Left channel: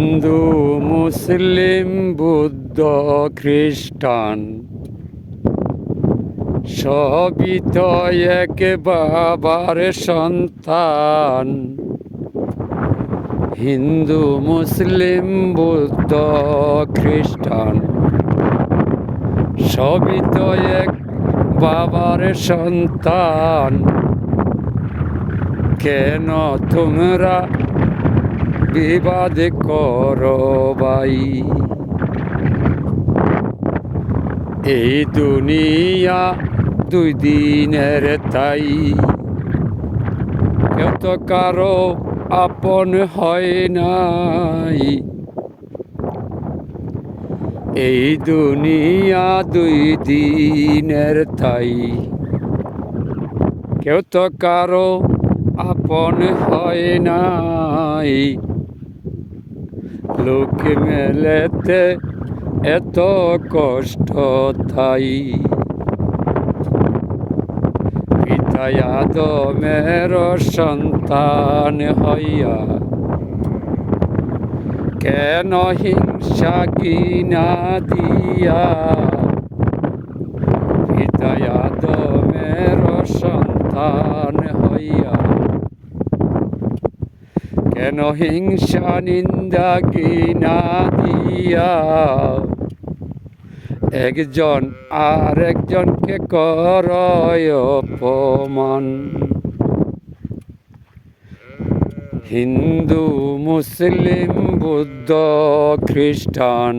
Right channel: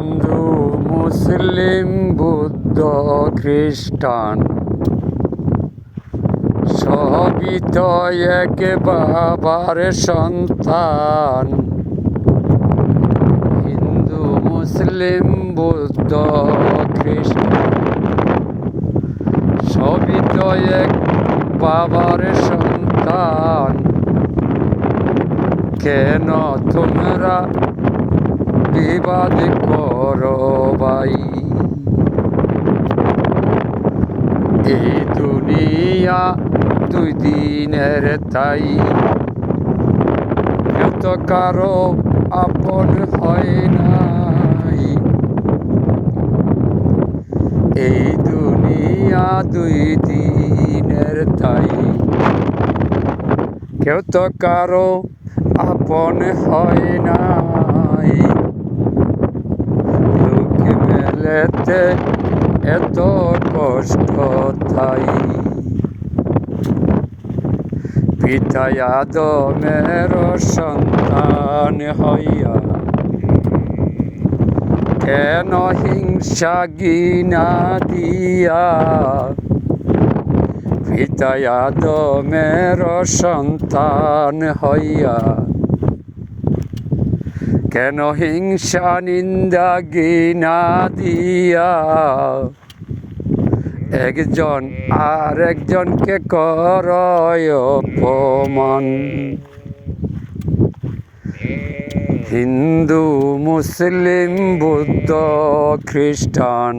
হিন্দু, মুসলিম, বুদ্ধ, খ্রিস্টান সবই তো এক বাবার সন্তান। হিন্দু, মুসলিম, বুদ্ধ, খ্রিস্টান সবই তো এক বাবার সন্তান। কেন তোমরা বিবাদ করো ভাই। এই দুনিয়া দুই দিনের তাই। এত কারও আপন হয় নাই। এই দুনিয়া দুই দিনের তাই। কেউ তো কারও আপন হয় নাই। মেলেতে এত কষ্ট তাই। পিতা আদমের সন্তান হইয়া কেন হিংসা গিনা দিয়া? পিতা আদমের সন্তান হইয়া কেন হিংসা নিন্দা গিনা দিয়া? একজন আর একজনকে করয় অপমান। হিন্দু, মুসলিম, বুদ্ধ, খ্রিস্টান,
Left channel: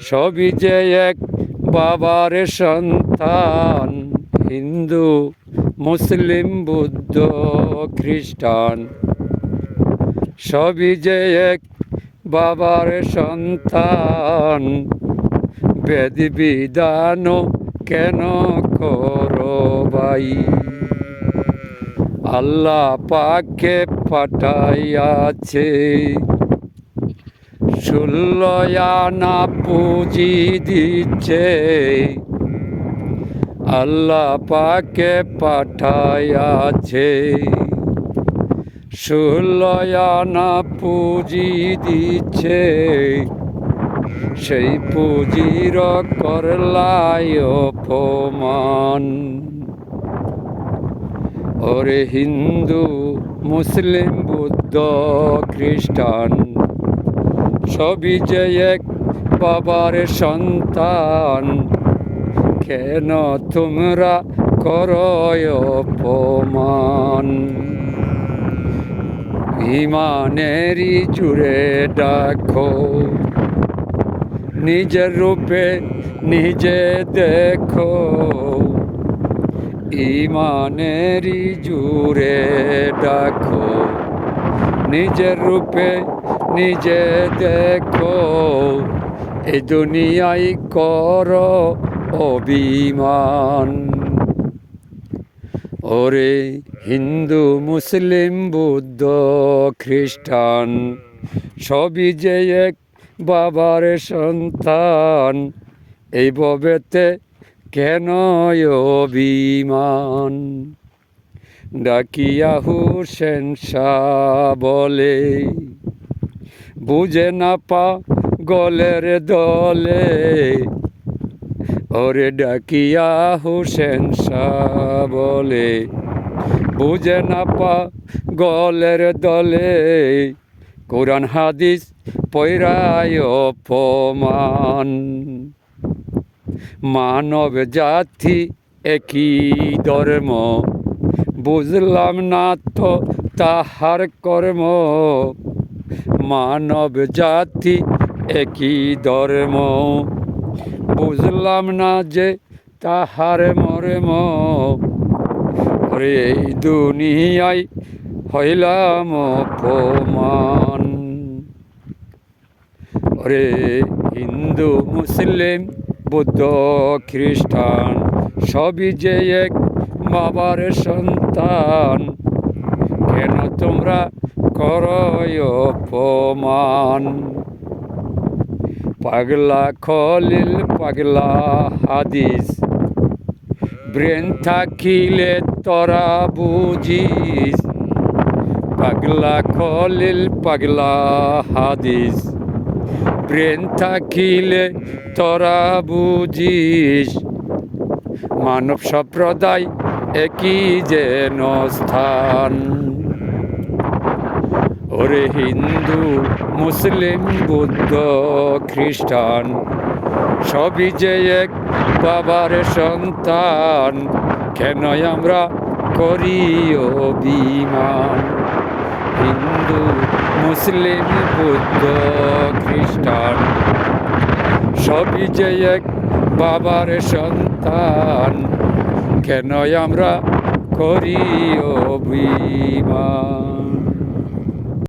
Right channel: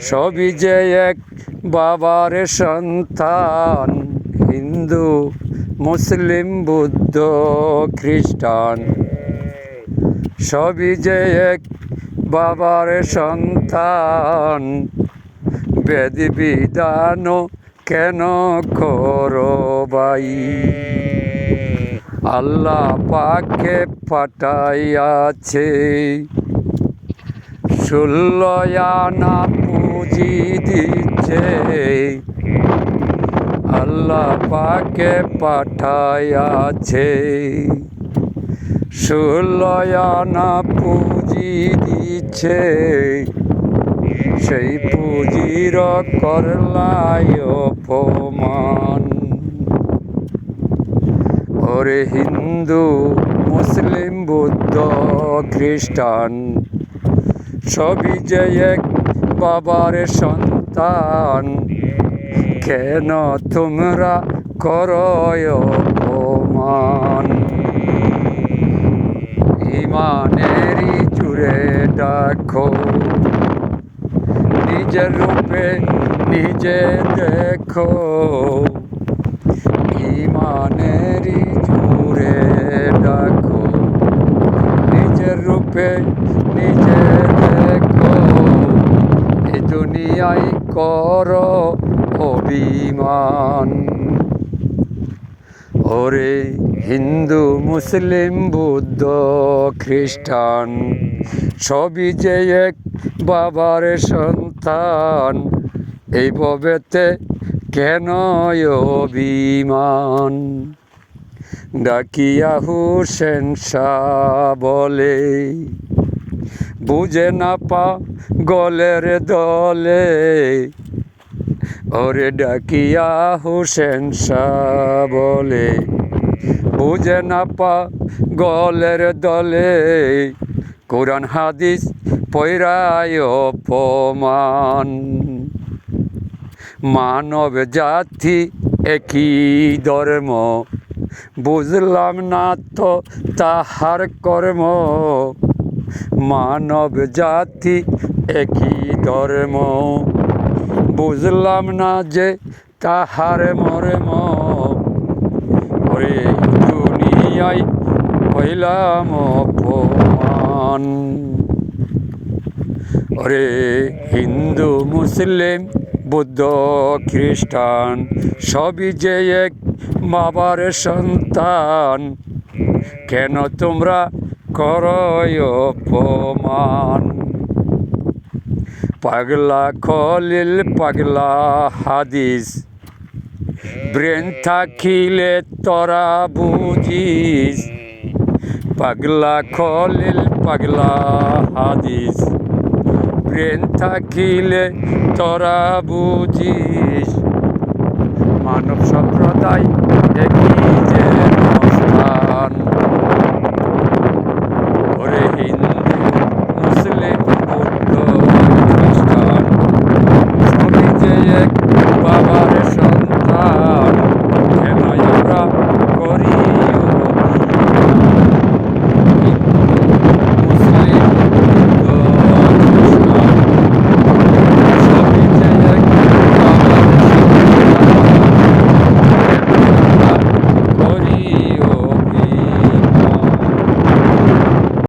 সবই যে এক বাবার সন্তান। হিন্দু, মুসলিম, বুদ্ধ, খ্রিস্টান। সবই যে এক বাবার সন্তান। বেদ বিধান কেন করো ভাই? আল্লাহ পাকে পাঠাইয়াছে। ষোলয়ানা পুঁজি দিচ্ছে। আল্লাহ পাকে পাঠাইয়াছে। ষোলয়ানা পুঁজি দিচ্ছে। সেই পুঁজির করলায় অপমান। ওরে হিন্দু, মুসলিম, বুদ্ধ, খ্রিস্টান, সবই যে এক বাবার সন্তান, কেন তোমরা করয় অপমান? ইমানেরই জুড়ে ডাকো। নিজের রূপে নিজে দেখো। ইমানেরই জুড়ে ডাকো। নিজের রূপে নিজে দেখো। এ দুনিয়ায় কর অভিমান। ওরে হিন্দু, মুসলিম, বুদ্ধ, খ্রিস্টান, সবই যে এক বাবার সন্তান, এই ববেতে কেন অভিমান? ডাকিয়া হুসেন বলে, বুঝে না পা গলের দলে ওরে ডাকিয়া হুসেন শাহ বলে, বুঝে না পা গলের দলে, কোরআন হাদিস পৈরায় অপমান। মানব জাতি একই ধর্ম, বুঝলাম না তো তাহার কর্ম। মানব জাতি একই ধর্ম। বুঝলাম না যে তাহার মর্ম ওরে দুনিয়ায় হইলাম অপমান। ওরে হিন্দু, মুসলিম, বুদ্ধ, খ্রিস্টান, সবই যে এক বাবার সন্তান, কেন তোমরা করয় অপমান? পাগলা খলিল, পাগলা হাদিস। ব্রেন থাকিলে তোরা বুঝিস। পাগলা খলিল, পাগলা হাদিস। ব্রেন থাকিলে তরা বুঝিস। মানব সম্প্রদায় একই যেন স্থান ওরে হিন্দু মুসলিম, বুদ্ধ, খ্রিস্টান, সবই যে এক বাবার সন্তান কেন আমরা করি অভিমান? হিন্দু, মুসলিম, বুদ্ধ